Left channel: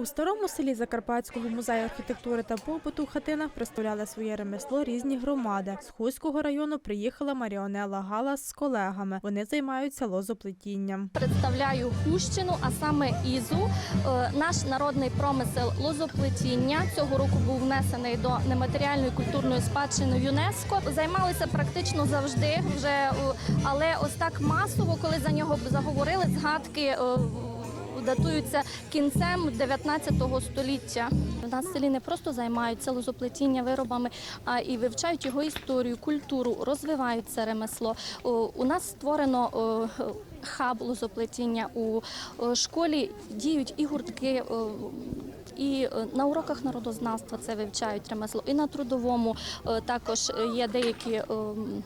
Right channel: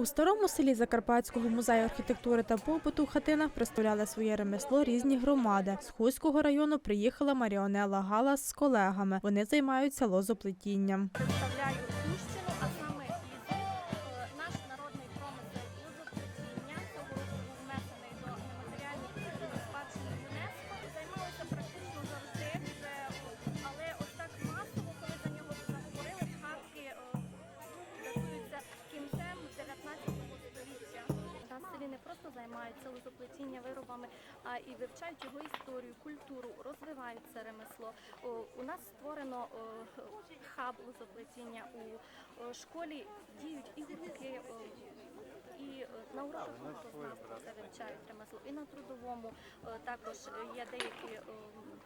У старому селі Закарпатського музею архітектури та побуту в хатинах представляли своє ремесло різні громади. З Хуського району приїхала Маріонела Галас з колегами. Вони займаються лозоплетінням. Представляю Хущину, а саме Ізу. Е, Наш народний промисел лозоплетіння цього року був внесений до нематеріальної культурної спадщини ЮНЕСКо. Займалися практично завжди, вже е, але ось так масово, коли за нього заговорили, згадки. Датуються кінцем 19 століття. У нас в селі не просто займаються лозоплетіння виробами, а і вивчають його історію, культуру, розвивають це ремесло. У нас створено хаб лозоплетіння у школі. Діють і гуртки. І е, на уроках народознавства це вивчають ремесло, і на трудовому е, також є деякі ем,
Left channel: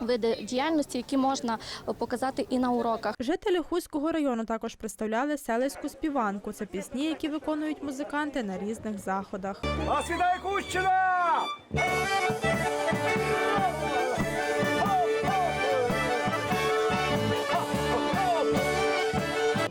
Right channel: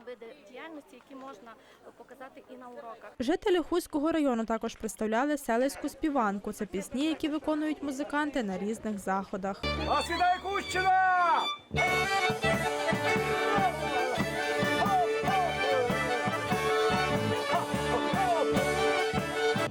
види діяльності, які можна е, показати і на уроках. Жителі Хуського району також представляли селиську співанку. Це пісні, які виконують музиканти на різних заходах. А світай Кущина!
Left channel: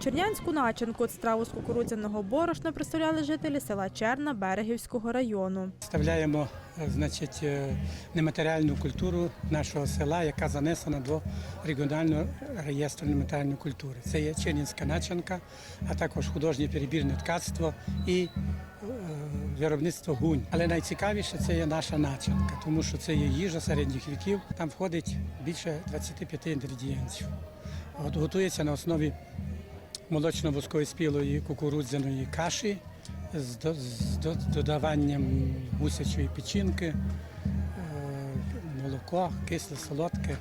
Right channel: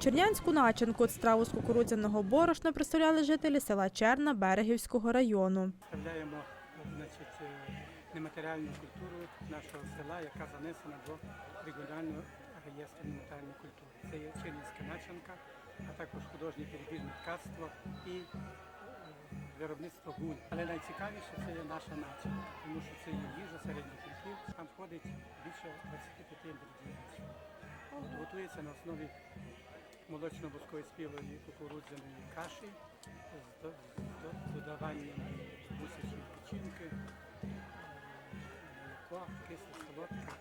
Чернянську начинку страву з кукурудзяного борошна представляли жителі села Черна Берегівського району. Представляємо е, значить, е, нематеріальну культуру нашого села, яка занесена до регіонального реєстру нематеріальної культури. Це є Чернінська начинка, а також художнє перебірне ткацтво і е, виробництво гунь. Але найцікавіше це є наша начинка, тому що це є їжа середніх віків. Там входить більше 25 інгредієнтів. От, готується на основі молочно-воскової спілої кукурудзяної каші з, до- з до- додаванням гусячої печінки, е, молоко, кисле, солодке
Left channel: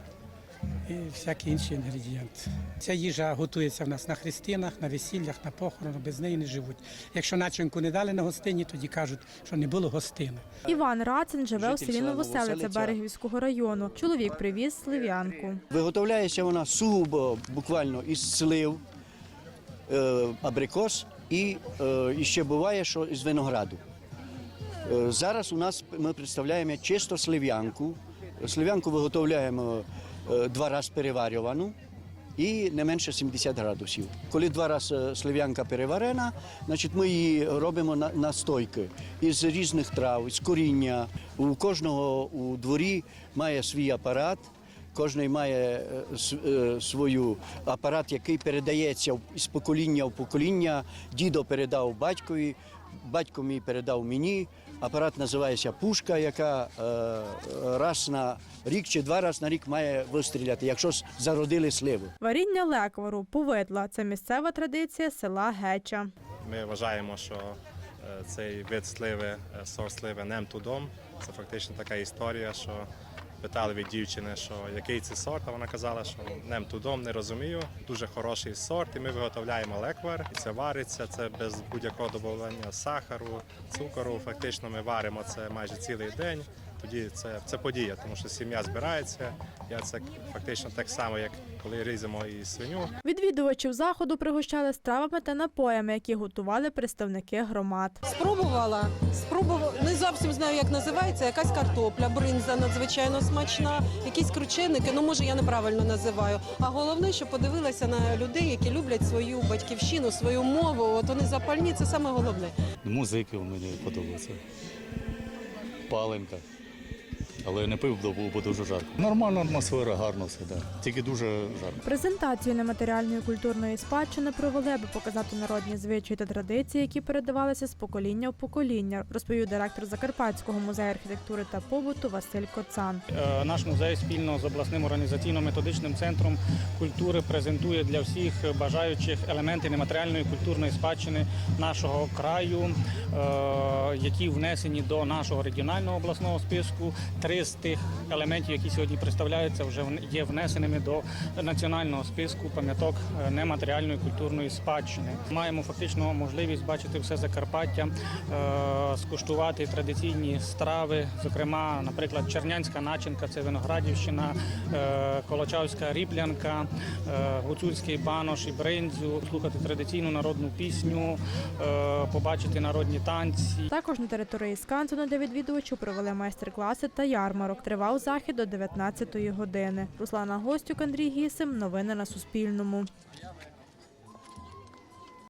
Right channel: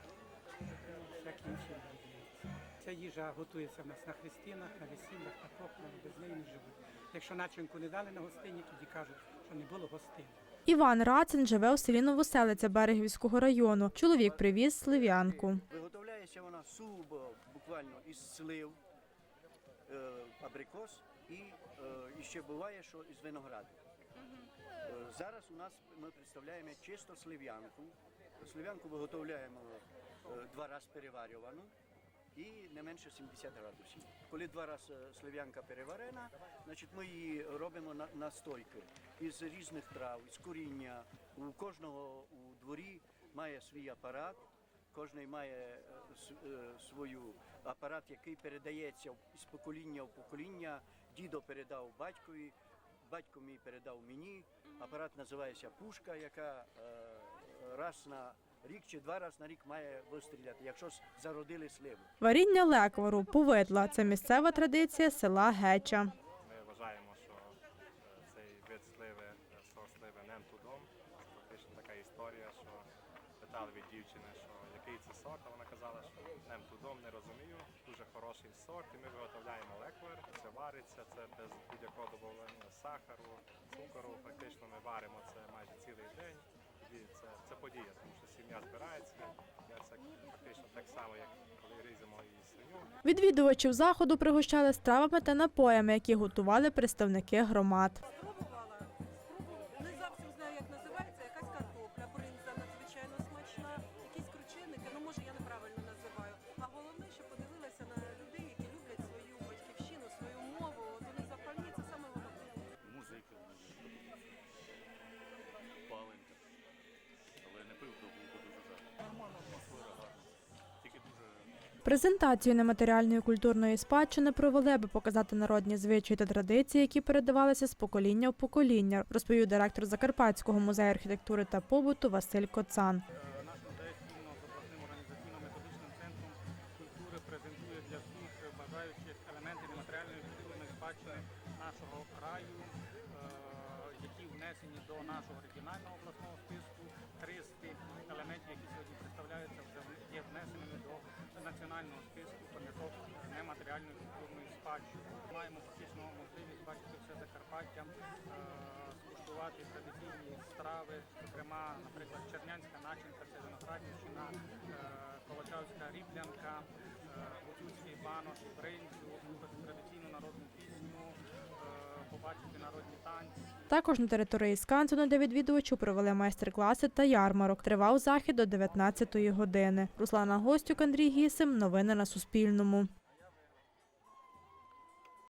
і всякі інші інгредієнти. Ця їжа готується в нас на хрестинах, на весіллях, на похоронах, без неї не живуть. Якщо начинку не дали на гостині, тоді кажуть, що не було гостини. Іван Рацин живе у селі Новоселиця Новоселиця. Берегівського району. Чоловік привіз слив'янку. Виготовляється вона сугубо буквально із слив, е, абрикос і, е, і ще буває, що із винограду. Е, зараз у нас ми представляємо чисто слив'янку. Слив'янку виготовляємо е, два рази переварювану і не менше 70 градусів. Коли два рази слив'янка переварена, значить ми її робимо на настойки із різних трав, з коріння. У кожного у дворі має свій апарат. Кожний має е, е, свою апарат, який передається з покоління в покоління. Дідо передав батькові, батько мій передав мені. Апарат називається пушка, яка е, раз на рік чи два рази на рік має вистріляти, якщо зародили сливу. Варіння леквару, повидла це місцева традиція села Геча. Ми вважаємо, що цей вид сливи, сорт сливи нем тудом. Це фактично така історія, що питали від дівчини, що який це сорт, а вона казала, що нем тудом не розумію. Дуже хороший сорт, і ми виготовляємо леквар, це вариться. Це без будь-якого додавання сахару, цукору. Фактично ми варимо це майже цілий день. Тоді це, це подія, тому що сім'я збирається. Я це фактично так само, як коли різемо і свиню. Відвідувачів заходу пригощали стравами та напоями, які готували представники громад. Спробувала. Спробувала. Не зовсім знаю, як називається. Якась картопля, бринза надзвичайно смачна, якісь крученики. Ну може я неправильно називаю. А головне, що подивилася на людей, які люблять свою батьківщину, свою мову. От вони запальні. Це саме головне. Музики мені подобаються. Паленка. Але не пив, бо було дуже жарко. Нормальна атмосфера, гарно все, да. тільки дуже жарко. Презентацію нематеріальної культурної спадщини провели, аби показати народні звичаї та традиції, які передавалися з покоління в покоління, розповів директор Закарпатського музею архітектури та побуту Василь Коцан. Е, Наш музей спільно з обласним організаційно-методичним центром культури презентує для всіх бажаючих елементи нематеріальної культурної спадщини нашого краю, е, які внесені до нашого регіонального обласного списку. Три з тих елементів, які сьогодні представляються, вже є внесеними до національного списку пам'яток е, нематеріальної культурної спадщини. Маємо фактично можливість бачити все Закарпаття, е, скуштувати традиційні страви, зокрема, наприклад, чернянська начинка, це виноградівщина, е, колочавська ріплянка, е, гуцульський банош і бринзю, слухати традиційну народну пісню, побачити народні танці. Також на території Скансену для відвідувачів провели майстер-класи та ярмарок. Тривав захід до 19-ї години. Руслана Гостюк, Андрій Гісим. Новини на Суспільному.